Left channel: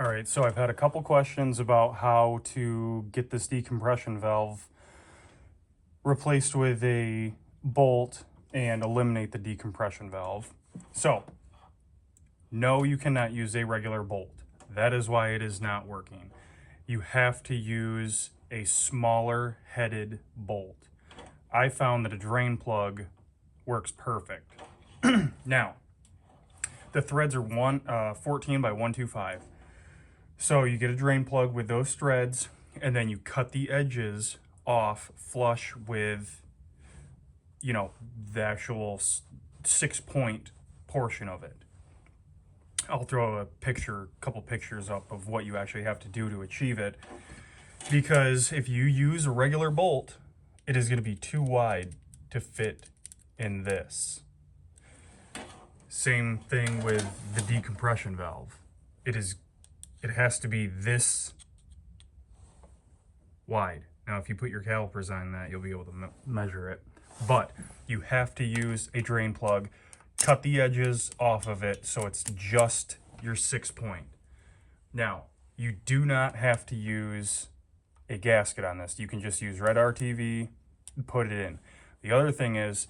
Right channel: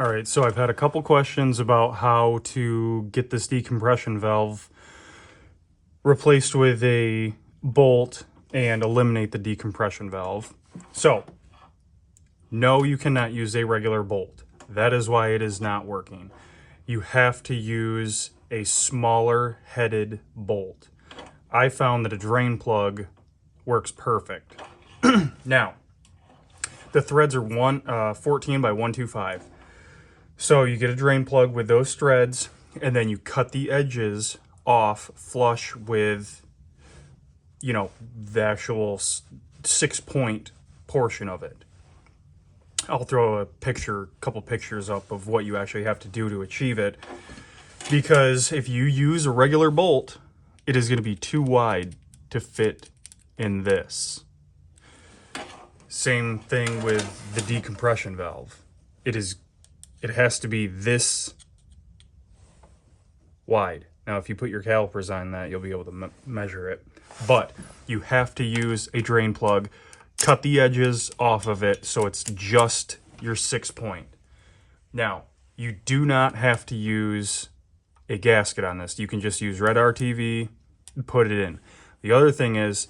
All right, so I've had a couple questions about how to get this decompression valve replaced with a bolt and eliminate the decompression valve. So, no, you cannot use a regular bolt. That is why it is not working. You have to use a smaller headed bolt. I found that a drain plug works perfect. Now, the threads are 14 by 125. So you get a drain plug with those threads, and then you cut the edges off flush with, the actual 6-point portion of it. I'll throw a couple pictures up of what you actually have to do to achieve it. Because if you use a regular bolt, it is going to be too wide to fit in this. Same thing with the decompression valve. It has to be this wide. Now, if you put your calipers on that, you'll be able to measure it. But you have to use a drain plug, cut the edges off of it so it's just your 6-point. Now, you do not have to use a gasket on this. You can just use red RTV and put it in. The other thing is,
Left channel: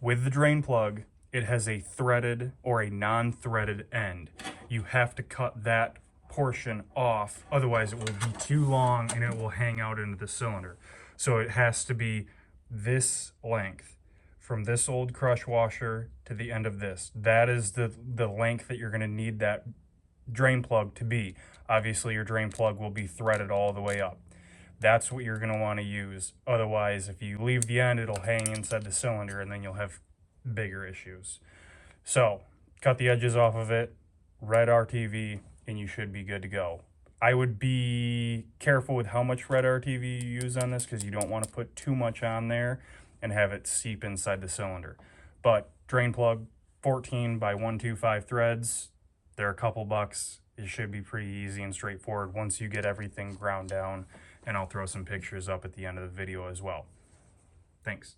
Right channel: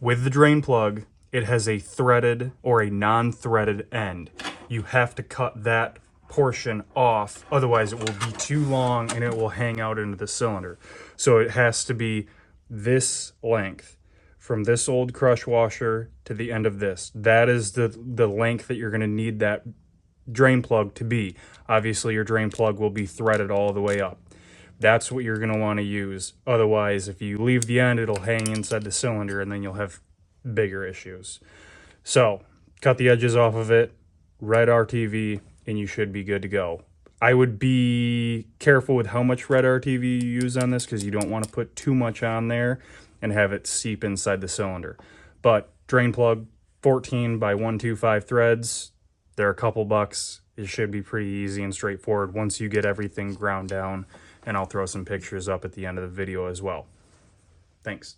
with the drain plug, it has a threaded or a non-threaded end. You have to cut that portion off, otherwise it will be too long and it will hang out into the cylinder. So it has to be this length, from this old crush washer to the end of this. That is the length that you're going to need that drain plug to be. Obviously your drain plug will be threaded all the way up. That's what you're going to want to use. Otherwise, if you leave the end, it'll hang inside the cylinder and then you'll have bigger issues. So cut the edges off of it, red RTV, and you should be good to go. I would be careful with how much red RTV you use on this, because you don't want to put too much on there and have it seep inside the cylinder. But drain plug, 14 by 125 threads, they're a couple bucks. It should be pretty easy and straightforward once you get everything ground down, and I'll throw some pictures up at the end of the video as well. Thanks.